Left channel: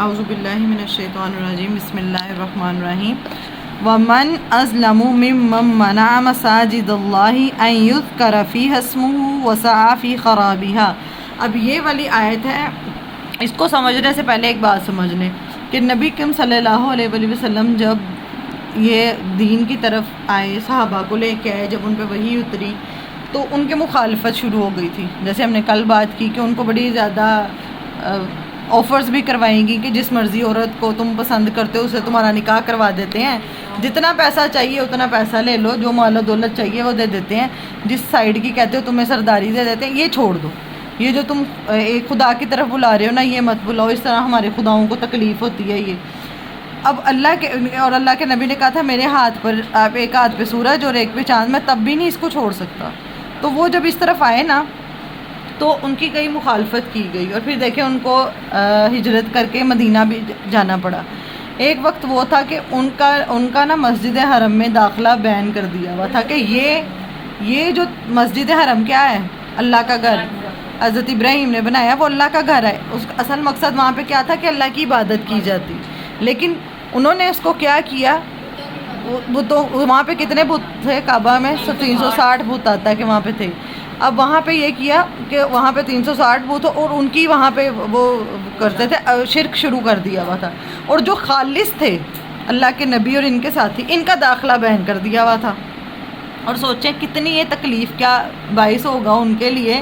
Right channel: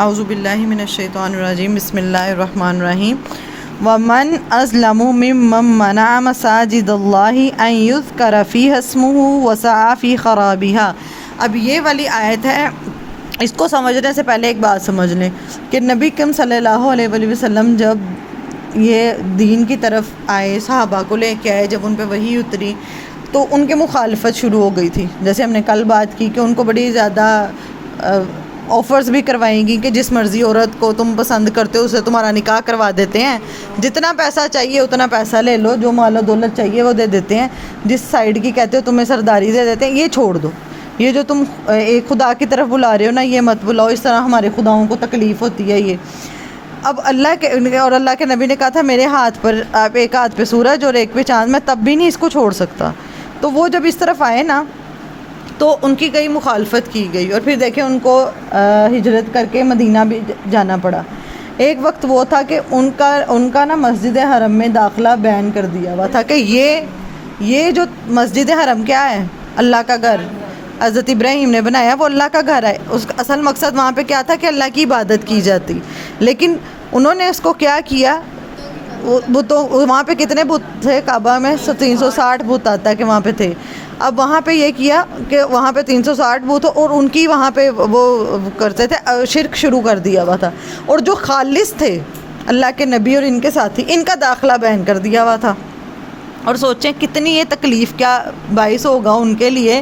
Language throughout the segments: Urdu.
اعوذ باللہ من الشیطان الرجیم بسم اللہ الرحمن الرحیم ومن اظلم ممن منع مساجد اللہ ان یذکر فیہا اسمہ وسعی فی خرابها۔ اب یہ والی آیت ہے، اس کو سمجھنے سے پہلے ایک بات سمجھ لیں کہ نبی کریم صلی اللہ علیہ وآلہ وسلم جب یہ دین کی طرف آئے، صحابہ کو لے کے آئے، جب ان پہ وحی اتری تو ان کے مخالفت شروع ہو گئی تھی۔ جیسے ہم نے کل بات کی کہ ان کو بڑی زیادہ آفرز بھی کروائیں گی کہ جس مرضی عورت کو تم پسند کرتے ہو اسے تمہارا نکاح کروا دیتے ہیں، جتنا پیسہ چاہیے اتنا پیسہ لے لو، جو مال و دولت چاہیے وہ دے دیتے ہیں، جس سائیڈ کی کہتے ہو تمہیں سرداری دے دیتے ہیں، یہ چھوڑ دو، یہ جو تم ایک خدا کی طرف بلا رہے ہو نا یہ مت بلاؤ، اس طرح ہمارے خداؤں کو تکلیف ہوتی ہے۔ یہ اب اللہ کے نبی نے کہا تھا میرے ہاتھ پر آپ ایک ہاتھ پہ سورج اور ایک پہ چاند، میں تب بھی نہیں اس کو چھوڑ سکتا۔ تو وہ جب اس طرف آئے نا تو ان کی کئی مخالفت کی گئی، اور پھر دیکھیں ان کو ہجرت کر کے مدینہ بھی جانا پڑا۔ ایک وقت وہ تھا کہ ان کا نا مسجد حرم میں داخلہ بین کر دیا ہوا تھا کہ یہ جو مسجد حرم کیا ہے؟ اللہ کا گھر، حضرت ابراہیم نے بنایا، وہ اللہ کا گھر ہے۔ اس کا اصل مقصد وہاں پہ کیا تھا کہ اللہ کی عبادت کی جاتی، لیکن انہوں نے اس کو کیا کیا، وہاں پہ کتنے بت تھے کعبہ میں؟ 360 بت آتا ہے کہ وہاں پہ تھے۔ اب وہاں پہ یہ کیا کہ وہاں پہ 360 بت اور ان کی وہاں پہ وہ کرتے تھے، شرک شروع کر دیا ہوا تھا، اور جو خالص تھے اللہ کے نبی اور ان کے ساتھی ان کا داخلہ بین کر دیا ہوا تھا۔ اور سوچیں کتنی یہ تکلیف کا باعث ہوگا ان کے لیے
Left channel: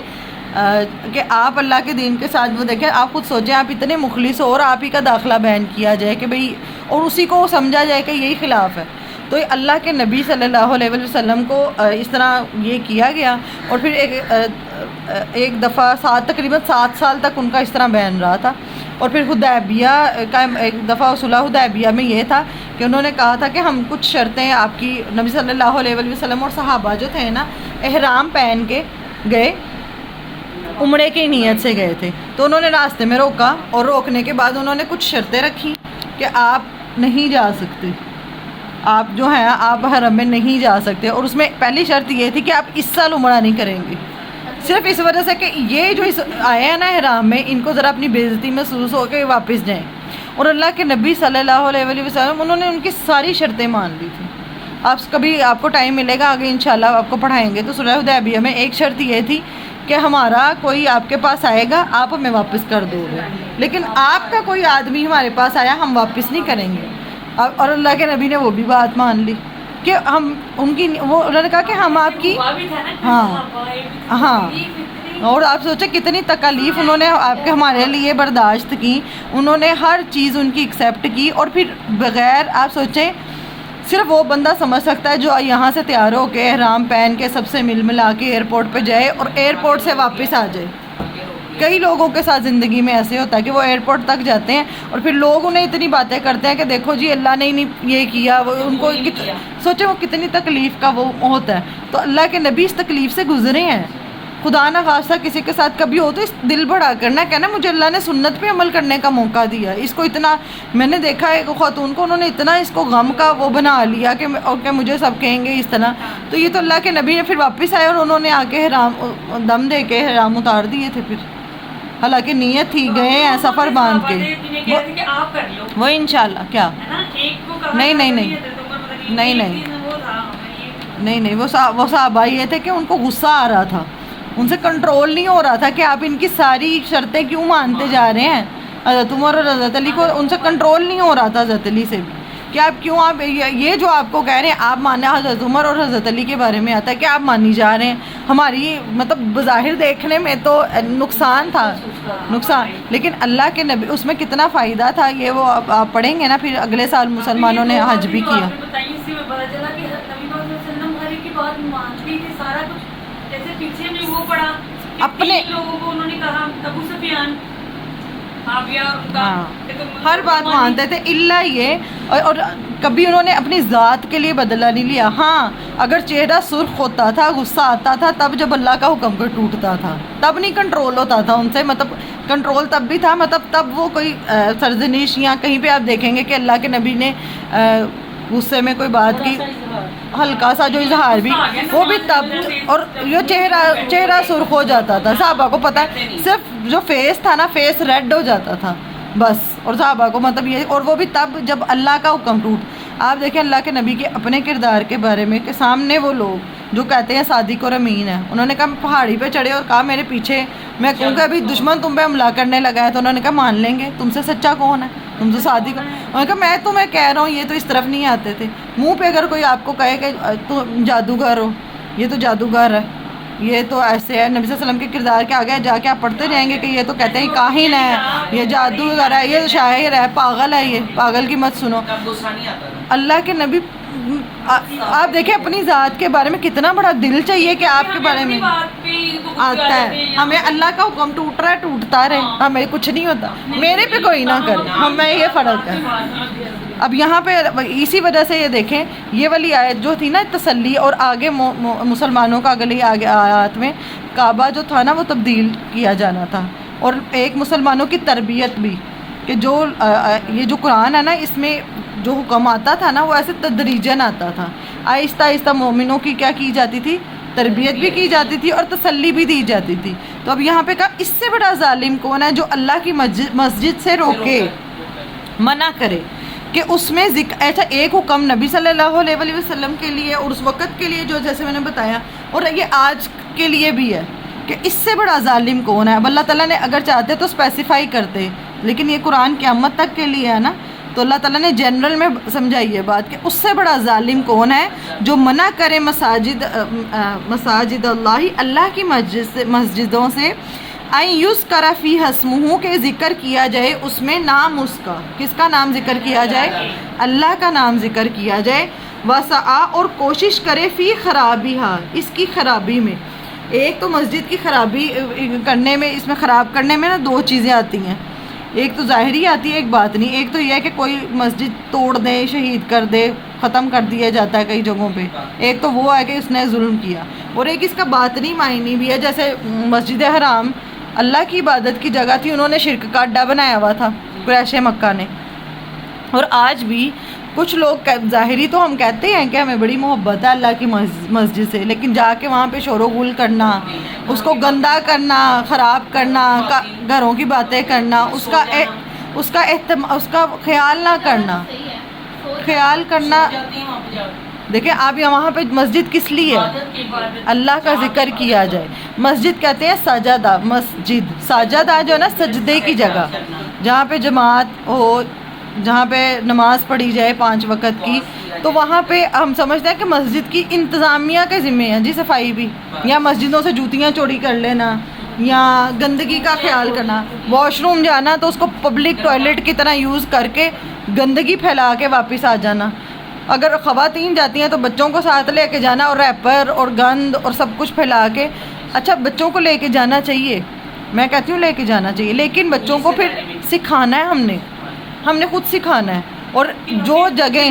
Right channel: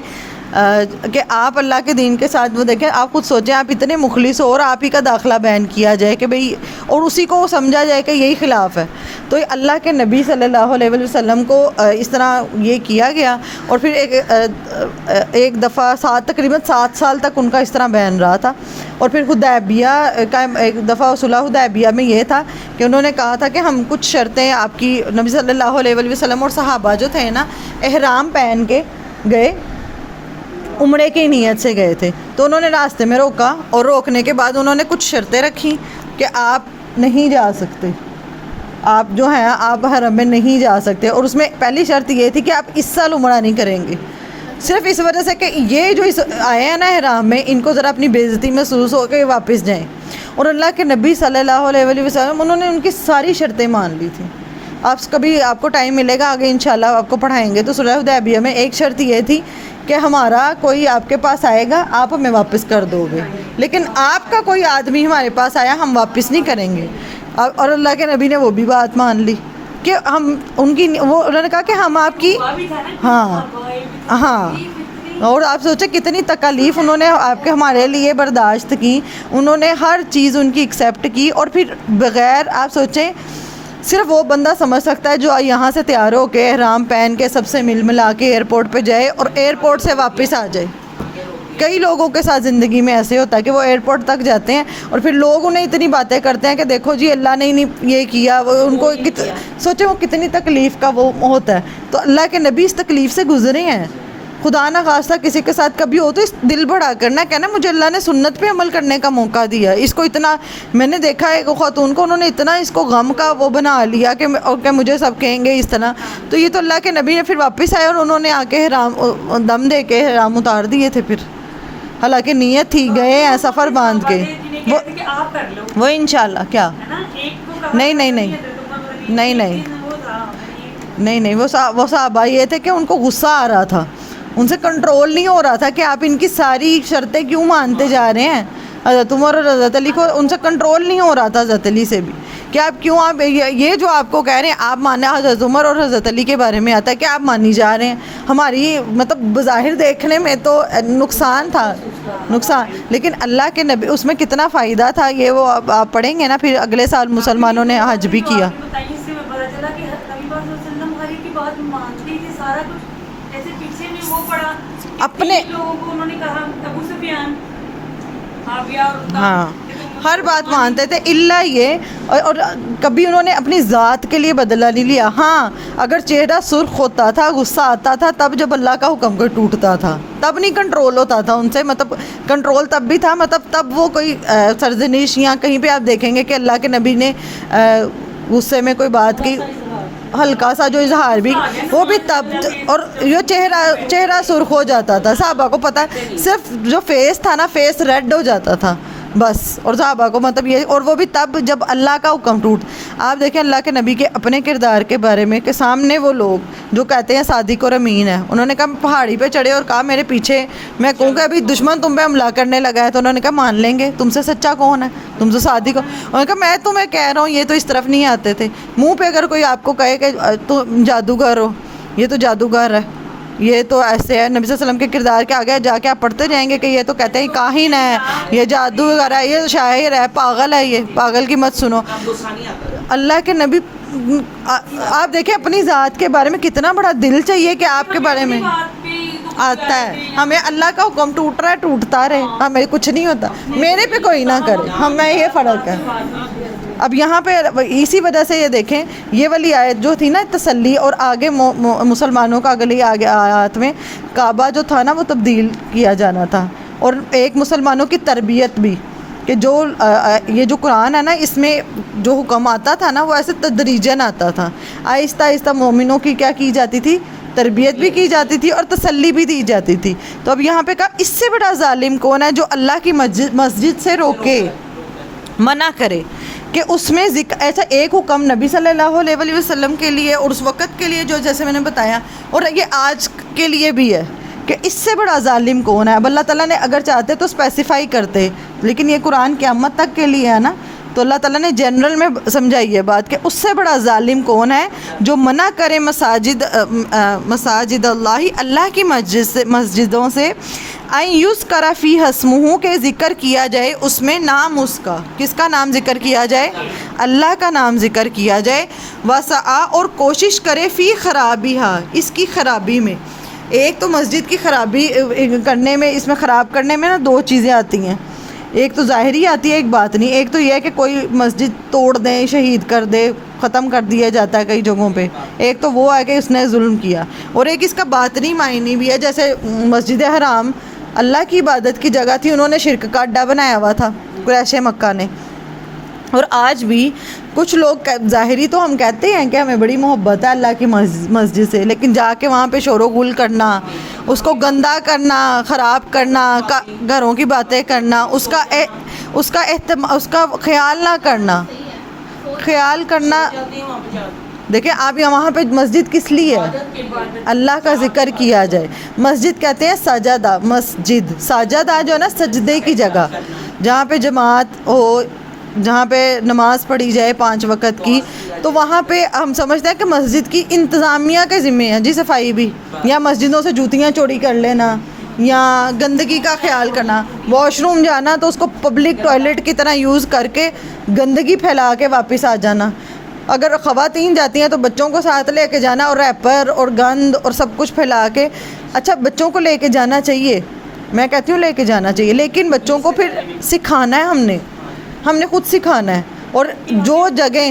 کہ آپ اللہ کے دین کے ساتھ، وہ دیکھیں آپ خود سوچیں، آپ اتنے مخلص ہو اور آپ ہی کا داخلہ بین کیا جائے کہ بھئی، اور اسی کو سمجھا جائے کہ یہی خلاف ہے۔ تو اللہ کے نبی صلی اللہ علیہ وسلم کو اس طرح یہ کیا گیا، اور پھر ایک دفعہ تقریباً 7 سال تک ان کا اس طرح بین رہا تھا۔ اور پھر حدیبیہ کا ایک دفعہ صلح حدیبیہ میں یہ تھا کہ انہوں نے کہا تھا کہ ہم کچھ شرطیں آپ کی، نبی صلی اللہ علیہ وسلم اور صحابہ جو تھے نا احرام پہن کے گئے، عمرے کی نیت سے گئے تھے، تو انہوں نے راستے میں روکا، اور روکنے کے بعد انہوں نے کچھ شرطیں رکھی کہ آپ نہیں جا سکتے، آپ جو ہیں آپ حرم میں نہیں جا سکتے، اور اس میں پہلی شرط یہ تھی کہ آپ اس سال عمرہ نہیں کریں گے، صرف اس وجہ سے کہ یہ جو آئے ہیں نا احرام میں ان کو ذرا اپنی بے عزتی محسوس ہو کے واپس جائیں۔ اور اللہ کے نبی صلی اللہ علیہ وسلم انہوں نے ان کی ساری شرطیں مان لی تھیں۔ آپ کو ٹائم ملے گا آگے انشاءاللہ آپ کو پڑھائیں گے، تو صلح حدیبیہ میں ایک شرط یہ تھی کہ ہمارا کوئی آپ کے پاس آئے گا آپ ہمیں واپس کر دو گے، لیکن آپ کا کوئی آدمی ہمارے پاس آیا ہم واپس نہیں کریں گے۔ اور اللہ کے نبی نے وہ بھی بات مان لی کہ انہوں نے کہا کہ ہم آپ کی، ہاں، اور آپ سوچیں کتنی تکالیف انہوں نے آپ کے ہمارے لیے برداشت کی، انہوں نے ہر چیز ان کی ایکسیپٹ کی، اور پھر بغیر، آپ سوچیں صرف وہ بندہ سمجھ سکتا ہے جو یہاں سے تیار ہو کے احرام پہن کے سب سے مل ملا کے ایئرپورٹ پہ جائے اور ایئرپورٹ سے واپس آ جائے۔ کئی لوگوں کے ساتھ زندگی میں ایسے ہوتا ہے کہ وہ ایئرپورٹ تک جاتے ہیں اور پھر لوگ انہیں اتنی باتیں کرتے ہیں کہ دیکھو جی اللہ نے نہیں یہ کیا، وہ ان کو سوچو وہ کتنی تکلیف کا وہ ہوتا ہے۔ تو اللہ کے نبی اس تکلیف سے گزرے ہیں، خدا نہ خواستہ کسی کے ساتھ کبھی ہو تو اس دل بڑھا کرنا کہنا مجھے اللہ نے سنت پہ عمل کرنے کا موقع دیا۔ اس کو اتنا، میں نے دیکھا ہے خاتون کو، انہوں نے اتنا اس کو غم کا وہ بنا لیا کہ مجھے سب کہیں گے اس طرح۔ تو یہ تو اللہ کے نبی نے پھر واپس آئے اور انہوں نے آ کے حرام دم دے کے حرام اتار دیے تھے، پھر حالانکہ نیت تھی گئے ہیں سفر باندھ کے وہ انشاءاللہ کیا نہیں وہ صحابہ یہ تھے کہ ان کو غصہ آ رہا تھا، ان سے کنٹرول نہیں ہو رہا تھا کہ آپ ان کی ساری شرطیں کیوں مانتے جا رہے ہیں۔ حضرت عمر اور حضرت علی کو ان سے کنٹرول نہیں ہو رہا تھا، حضرت علی سے بھی، کہ آپ کیوں، آپ یہ جو آپ کو کہہ رہے ہیں آپ ماننا، حضرت عمر اور حضرت علی کے بارے میں آتا ہے کہ آپ مانی جا رہے ہیں، ہماری مطلب بظاہر دیکھنے میں تو نقصان تھا، لیکن اللہ کے نبی اس میں کتنا فائدہ تھا، یہ وہ آپ پڑھیں گے نا پھر اگلے سال مسلمانوں نے حج بھی کیا۔ اپنے ہاں ہر بات مانتے تھے الا یہ، اور کبھی انہوں نے اپنی ذات کے لیے بدلہ نہیں لیا۔ ہاں اگر چہرہ سرخ ہوتا تھا، غصہ آتا تھا، تب جب اللہ کا حکم کو ٹوٹتا تھا تب نہیں کنٹرول ہوتا تھا ان سے، مطلب کنٹرول تب بھی تھا، مطلب تب وہ کوئی سرزنش یا کہیں پہ آپ دیکھیں گے کہ اللہ کے نبی نے غصے میں کوئی بات کی، ہلکا سا جو اظہار بھی، وہ بھی تب، اور یہ چہرہ سرخ ہو جاتا تھا، صحابہ کو پتہ ہے، صرف جو فیس تھا نا، فیس ریڈ ہو جاتا تھا، بس. اور صحابہ کو مطلب یہ، اور وہ بھی تب جب اللہ کا حکم ٹوٹ. آپ دیکھیں اللہ کے نبی کے اپنے کردار کے بارے میں کہ سامنے وہ لوگ جو کہتے ہیں صادق اور امین ہے، انہوں نے کہا پہاڑی پہ چڑھے اور کہا میرے پیچھے میں کہوں کہ ابھی دشمن تم پہ حملہ کرنے لگا ہے، تو انہوں نے کہا مان لیں گے، تم سے سچا کون ہے، تم سے صادق ہو. انہوں نے کہا میں تمہیں کہہ رہا ہوں یہ تو اس طرف نہیں آتے تھے. منہ پہ اگر کوئی آپ کو کہے کہ تم جادوگر ہو، یہ تو جادوگر ہے، یہ تو ایسے ہے، نبی صلی اللہ علیہ وسلم کے کردار کے آگے جا کے آپ پڑھتے جائیں گے کہ یہ تو کہتے ہیں کاہن ہے، یہ جادوگر ہے، یہ شاعر ہے، پاگل ہے، یہ پاگل کی مت سنو. اللہ کے نبی آپ دیکھیں اپنی ذات کے بارے میں کتنا بڑا دل چاہیے کہ آپ کے بارے میں آتا ہے. ہمیں اللہ کا حکم ٹوٹ رہا ہے ٹوٹتا رہے، ہمیں کچھ نہیں ہوتا، میرے پہ کوئی نہ کرے، ہمیں یہ فرق ہے. اب یہاں پہ اسی وجہ سے یہ دیکھیں یہ والی آیت جو تھی نا تسلی، اور آگے مسلمانوں کا اگلی آگے آیات میں کعبہ جو تھا نا وہ تبدیل کیا جانا تھا، اور ایک مسلمانوں کی تربیت بھی کہ جو یہ جو قرآن ہے نا اس میں جو حکم آتا تھا نا وہ ایسے تدریجاً آتا تھا، آہستہ آہستہ مومنوں کی کیا کی جاتی تھی، تربیت بھی کی جاتی تھی اور تسلی بھی دی جاتی تھی. تو اب یہاں پہ کہا اس سے بڑا ظالم کون ہے جو اللہ کی مسجد سے روکے، منع کرے کہ اس میں ذکر ایسا ایک حکم نبی صلی اللہ علیہ وسلم کے لیے اور اس وقت کے لیے جو جیسے میں نے بتایا، اور یہ آج کے لیے بھی ہے کہ اس سے بڑا ظالم کون ہے. اب اللہ تعالیٰ نے اگر چاہتے تو اسپیسیفائی کرتے، لیکن یہ قرآن قیامت تک کے لیے ہے نا، تو اللہ تعالیٰ نے جنرل میں سمجھائی ہے بات کہ اس سے بڑا ظالم کون ہے جو منع کرے مساجد اللہ کی مسجدوں سے این یذکر فیہا اسمہ کہ ذکر کیا جائے اس میں نام اس کا، کس کا نام ذکر کیا جائے، اللہ کا نام ذکر کیا جائے. وسعی اور کوشش کرے فی خرابیہا اس کی خرابی میں. ایک تو مسجد کی خرابی کرنے میں، اس میں خراب کرنے میں نا دو چیزیں آتی ہیں، ایک تو ظاہری آتی ہے ایک باطنی. ایک تو یہ ہے کہ کوئی مسجد توڑ دے، شہید کر دے، ختم کر دیا جاتا ہے کئی جگہوں پہ، ایک تو وہ ہے کہ اس نے ظلم کیا، اور ایک اس کا باطنی معنی بھی ہے. جیسے مسجد حرام اللہ کی عبادت کی جگہ تھی، انہوں نے شرک کا اڈا بنایا ہوا تھا قریش مکہ نے. اور آج بھی کچھ لوگ ظاہری تو ہم کہتے ہیں کہ ہمیں بڑی محبت ہے اللہ کی مسجد سے، لیکن جا کے وہاں پہ شور و غل کرنا، اس کو گندا کرنا، خراب کرنا، گھروں کی باتیں کرنا، اس کا خیال نہ کرنا. دیکھیں آپ وہاں پہ مسجد کس لیے ہے، اللہ کا ذکر کیا جائے. مسجد کہتے ہیں سجدہ، مسجد سجدہ جو ہے نا سجدے کی جگہ، جہاں پہ جماعت ہو، جہاں پہ نماز پڑھی جائے 5 وقت کی. تو وہاں پہ ہم سمجھتے ہیں کہ مسجد کی انتظامیہ کے ذمہ ہے جی صفائی بھی، یا مسجدوں سے جوتیاں چوری کر لینا، یا گندگی کا خیال کرنا، واش روم جانا تو اس کو پبلک ٹوائلٹ کی طرح یوز کر کے گندگی پھیلا کے واپس آ جانا. اگر خواتین جاتی ہیں تو بچوں کو ساتھ لے کے جانا، اور ریپر اور گند اور سب کچھ پھیلا کے. اچھا بچوں کو لے کے جانا چاہیے، میں کہتی ہوں لے کے جانا چاہیے، لیکن بچوں کو پھر سکھانا ہے، ہم نے خود سکھانا ہے. اور جو جگہ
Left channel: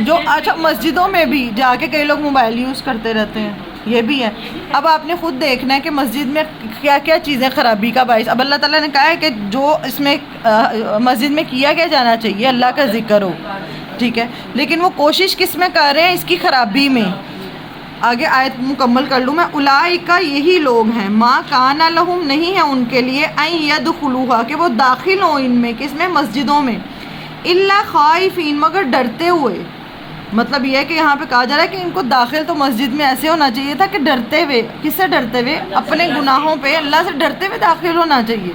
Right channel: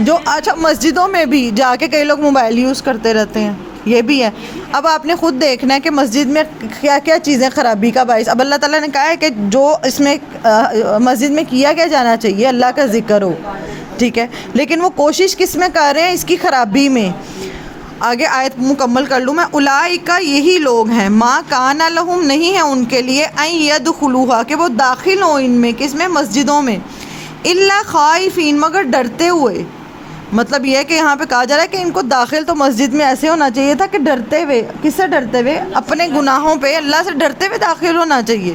جو اچھا مسجدوں میں بھی جا کے کئی لوگ موبائل یوز کرتے رہتے ہیں، یہ بھی ہے. اب آپ نے خود دیکھنا ہے کہ مسجد میں کیا کیا چیزیں خرابی کا باعث. اب اللہ تعالیٰ نے کہا ہے کہ جو اس میں مسجد میں کیا جانا چاہیے اللہ کا ذکر ہو، ٹھیک ہے، لیکن وہ کوشش کس میں کر رہے ہیں، اس کی خرابی میں. آگے آیت مکمل کر لوں میں. اولئک یہی لوگ ہیں، ما کان لہم نہیں ہے ان کے لیے، ان یدخلوها کہ وہ داخل ہوں ان میں، کس میں، مسجدوں میں، الا خائفین مگر ڈرتے ہوئے. مطلب یہ ہے کہ یہاں پہ کہا جا رہا ہے کہ ان کو داخل تو مسجد میں ایسے ہونا چاہیے تھا کہ ڈرتے ہوئے. کس سے ڈرتے ہوئے، اپنے گناہوں پہ اللہ سے ڈرتے ہوئے داخل ہونا چاہیے.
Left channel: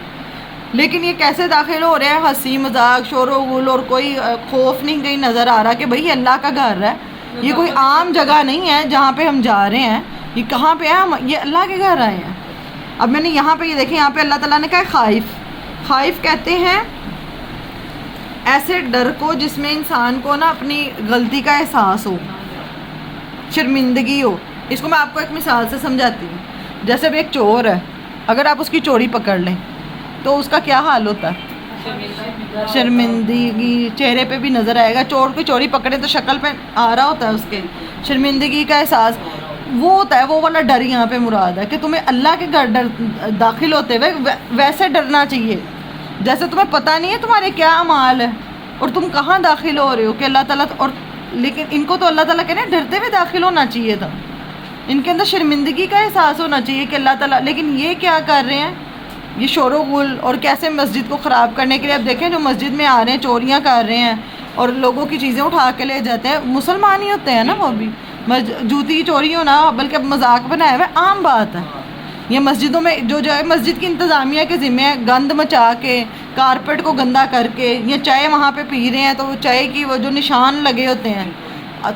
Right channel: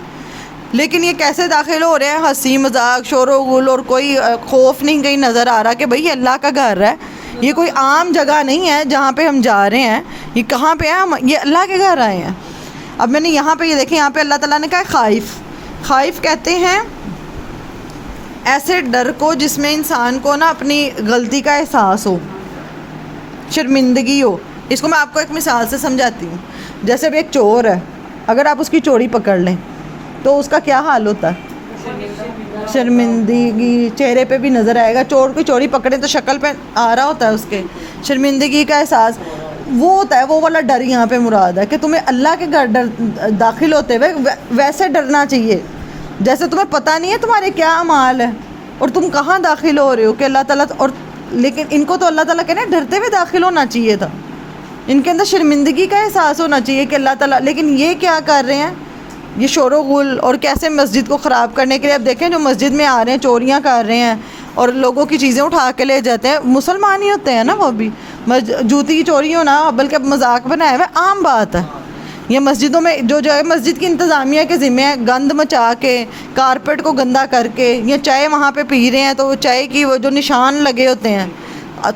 لیکن یہ کیسے داخل ہو رہے ہیں، ہنسی مذاق، شور و غل، اور کوئی خوف نہیں کہیں نظر آ رہا کہ بھئی یہ اللہ کا گھر ہے، یہ کوئی عام جگہ نہیں ہے جہاں پہ ہم جا رہے ہیں. یہ کہاں پہ ہیں، یہ اللہ کے گھر آئے ہیں. اب میں نے یہاں پہ یہ دیکھیں، یہاں پہ اللہ تعالیٰ نے کہا خائف کہتے ہیں ایسے ڈر کو جس میں انسان کو نا اپنی غلطی کا احساس ہو، شرمندگی ہو. اس کو میں آپ کو ایک مثال سے سمجھاتی ہوں. جیسے بھی ایک چور ہے، اگر آپ اس کی چوری پکڑ لیں تو اس کا کیا حال ہوتا ہے، شرمندگی چہرے پہ بھی نظر آئے گا. چور کو چوری پکڑے تو شکل پہ آ رہا ہوتا ہے اس کے شرمندگی کا احساس. وہ ہوتا ہے وہ والا ڈر یہاں پہ مراد ہے کہ تمہیں اللہ کے گھر داخل ہوتے ہوئے ویسے ڈرنا چاہیے جیسے تمہیں پتہ نہیں ہے تمہارے کیا اعمال ہے اور تم کہاں داخل ہو رہے ہو کہ اللہ تعالیٰ. اور لیکن ان کو تو اللہ تعالیٰ کہنے ڈرتے ہوئے داخل ہونا چاہیے تھا، ان کے اندر شرمندگی کا احساس ہونا چاہیے کہ اللہ تعالیٰ. لیکن یہ کیا کر رہے ہیں، یہ شور و غل اور کیسے مسجد کو خراب کرنے کے لیے. اب دیکھیں جو مسجد میں آ رہے ہیں چوریاں کر رہے ہیں اور لوگوں کی چیزیں اٹھا کے لے جاتے ہیں, مسلمان ہی ہوتے ہیں نا وہ بھی. جوتی کی چوری ہونا بلکہ مذاق بنایا ہوا ہے, عام بات ہے. یہ مسجدوں میں جو ہے مسجد کی انتظامیہ کے ذمہ ہے, گند مچا کے کارپیٹ کو گندا کر کے, یا چائے وہاں پہ پی رہے ہیں تو وہ چائے کی وہ جو نشان لگے ہوتے ہیں,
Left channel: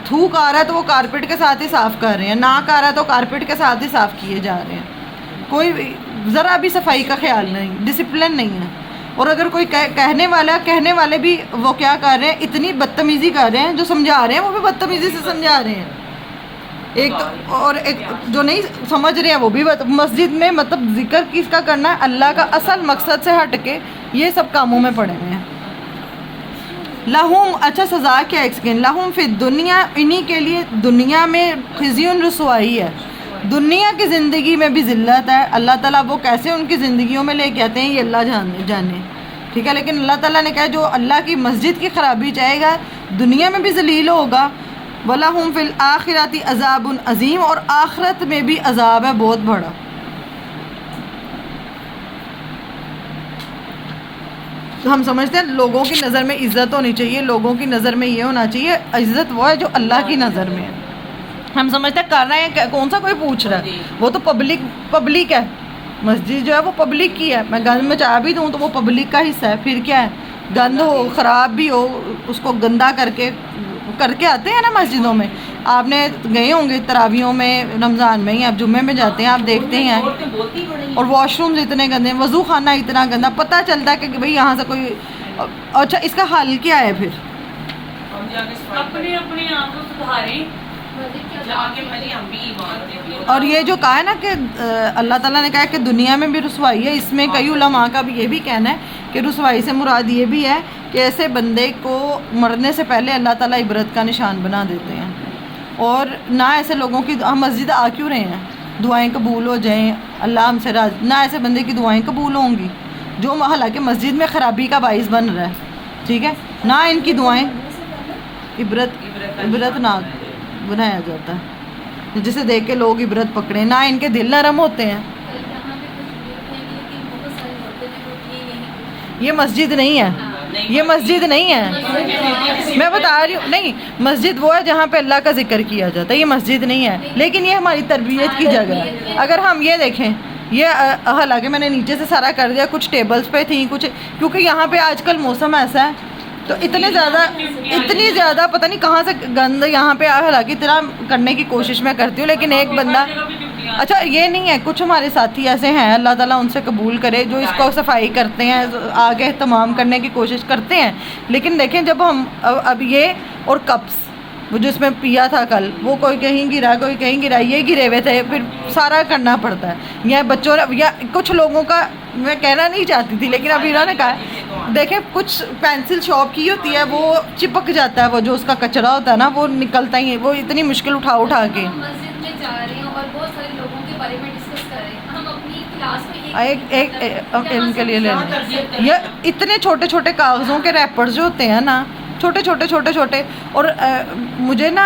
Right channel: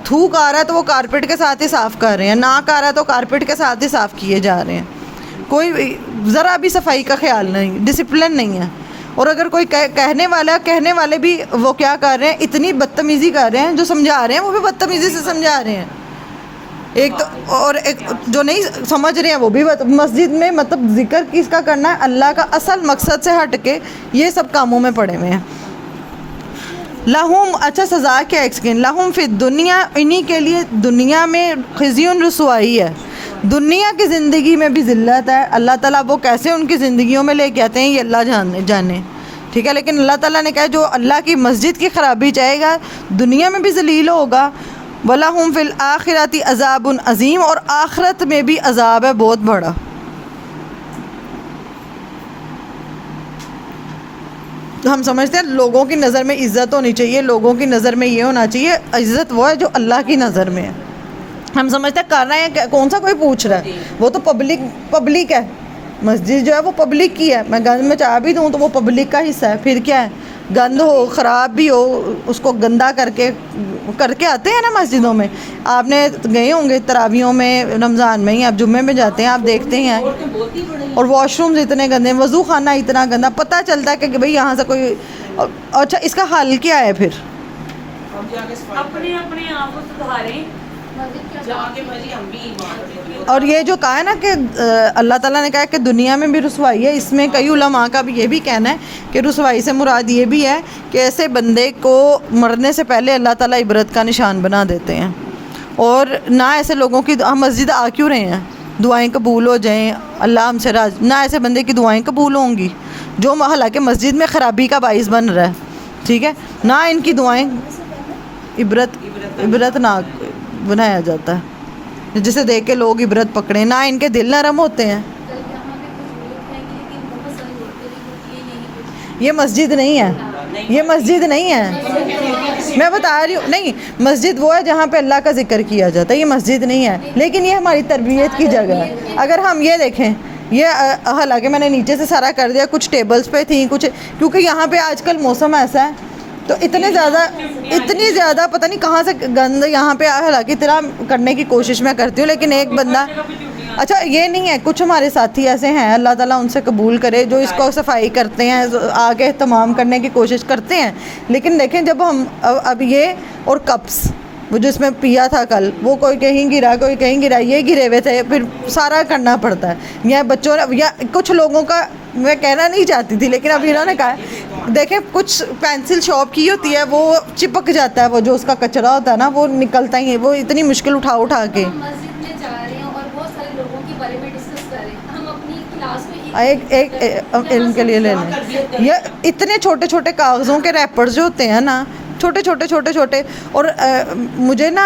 تھوک آ رہا ہے تو وہ کارپیٹ کے ساتھ ہی صاف کر رہے ہیں, ناک آ رہا ہے تو کارپیٹ کے ساتھ ہی صاف کیے جا رہے ہیں. کوئی ذرا بھی صفائی کا خیال نہیں, ڈسپلن نہیں ہے. اور اگر کوئی کہنے والے بھی وہ کیا کر رہے ہیں, اتنی بدتمیزی کر رہے ہیں, جو سمجھا رہے ہیں وہ بھی بدتمیزی سے سمجھا رہے ہیں. ایک تو اور ایک جو نہیں سمجھ رہے ہیں وہ بھی مسجد میں مطلب ذکر کس کا کرنا ہے, اللہ کا اصل مقصد سے ہٹ کے یہ سب کاموں میں پڑے ہوئے ہیں. لہم, اچھا سزا کیا ایکسکین, لہم فی الدنیا, انہی کے لیے دنیا میں خزی رسوائی ہے, دنیا کی زندگی میں بھی ذلت ہے. اللہ تعالیٰ وہ کیسے ان کی زندگیوں میں لے کے آتے ہیں یہ اللہ جانے, ٹھیک ہے. لیکن اللہ تعالیٰ نے کہا جو اللہ کی مسجد کی خرابی چاہے گا دنیا میں بھی ذلیل ہوگا. وَلَهُمْ فِي الْآخِرَةِ عَذَابٌ عظیم, اور آخرت میں بھی عذاب ہے بہت بڑا. تو ہم سمجھتے ہیں لوگوں کی نظر میں عزت ہونی چاہیے, لوگوں کی نظر میں یہ ہونا چاہیے, عزت وہ ہے جو اللہ کی نظر میں ہے. ہم سمجھتے ہیں کر رہے ہیں, کون سا کوئی پوچھ رہا ہے, وہ تو پبلک ہے. مسجد جو ہے وہ پبلک کی ہے, میں گند میں چاہ بھی دوں تو وہ پبلک کا حصہ ہے. پھر کیا ہے, گند ہو خراب بھی ہو اس کو گندا کر کے آتے ہیں نا مسجدوں میں. آپ نے گئے ہوں گے تراویحوں میں رمضان میں, ہی آپ جمعے میں جاتے ہیں آپ دیکھتے ہیں, اور واش رومز اتنے گندے, وضو خانہ اتنا گندا. پتہ چلتا ہے کہ بھئی یہاں سے کوئی. اچھا اس کا حل کیا ہے پھر؟ اپنے آپ کو سدھاریں. اور یہ جو کہا ہے نا کہ اللہ تعالیٰ نے کہا کہ دنیا میں بھی رسوائی ہے, اس میں کئی علماء کا بھی یہ بھی کہنا ہے کہ رسوائی سے مراد یہ بھی ہے کہ ایسے بندے کو مرنے سے پہلے اللہ تعالیٰ عبرت کا نشان بنا دیتے ہیں. اور نہ ایسے لوگوں کی, ہم مسجد آ کیوں رہے ہیں, دعائیں قبول ہو جائیں, اللہ ہم سے راضی, نہ ایسے بندے کی دعائیں قبول ہوں گی جو حالانکہ مسجد میں خرابی کا باعث بن رہا ہے, ٹھیک ہے. نہ ان کی دعائیں عبرت نہ بنایا جاتا ہے جسے دیکھ کے لوگ عبرت پکڑیں, نہ ان کے دل نرم ہوتے ہیں. یہ مسجد نہیں ہے, یہ مسجد نہیں ہے, میں بتا رہی ہوں. نہیں, مسجد وہ ہے جہاں پہ اللہ کا ذکر کیا جاتا ہے, یہ مسجد نہیں ہے. لیکن یہ ہماری تربیت کی جگہ ہے. اگر ہم یہ دیکھیں, یہ حالانکہ میں نے نیچے سے سارا کر دیا, کچھ ٹیبلز پہ تھیں کچھ, کیونکہ یہاں پہ آج کل موسم ایسا ہے تو اتنی زیادہ پتہ نہیں کہاں سے گند یہاں پہ, حالانکہ طرح کرنے کی کوشش میں کرتی ہوں, لیکن ایک بندہ, اچھا یہ نہیں ہے, کچھ ہمارے ساتھی ایسے ہیں اللہ تعالیٰ ان سے قبول کرے جو اس کو صفائی کرتے ہیں, آگے اہتمام کرنے کی کوشش کرتے ہیں. لیکن دیکھیں جب ہم اب یہ اور کپس وہ جو اس میں پیا تھا کل, وہ کوئی کہیں گرا کوئی کہیں گرا, یہ گرے ہوئے تھے, پھر سارا کرنا پڑتا ہے. یا بچوں یا کچھ لوگوں کا, میں کہنا نہیں چاہتی تھی لیکن ابھی انہوں نے کہا, دیکھیں کچھ پینسل شاپ کی ہوتی ہے وہ چپک جاتا ہے, وہ جو اس کا کچرا ہوتا ہے نا وہ نکلتا ہی ہے, وہ اتنی مشکل اٹھا کے. مسجد میں جا رہے ہیں اور بہت سارے لوگوں کے بارے میں ڈسکس کر رہے ہیں, ہم اپنی کلاس میں ایک ان کے لیے لے لیں. یہ اتنے چھوٹے چھوٹے کاغذوں کے ریپرز جو ہوتے ہیں نا, چھوٹے, اور مجھے نا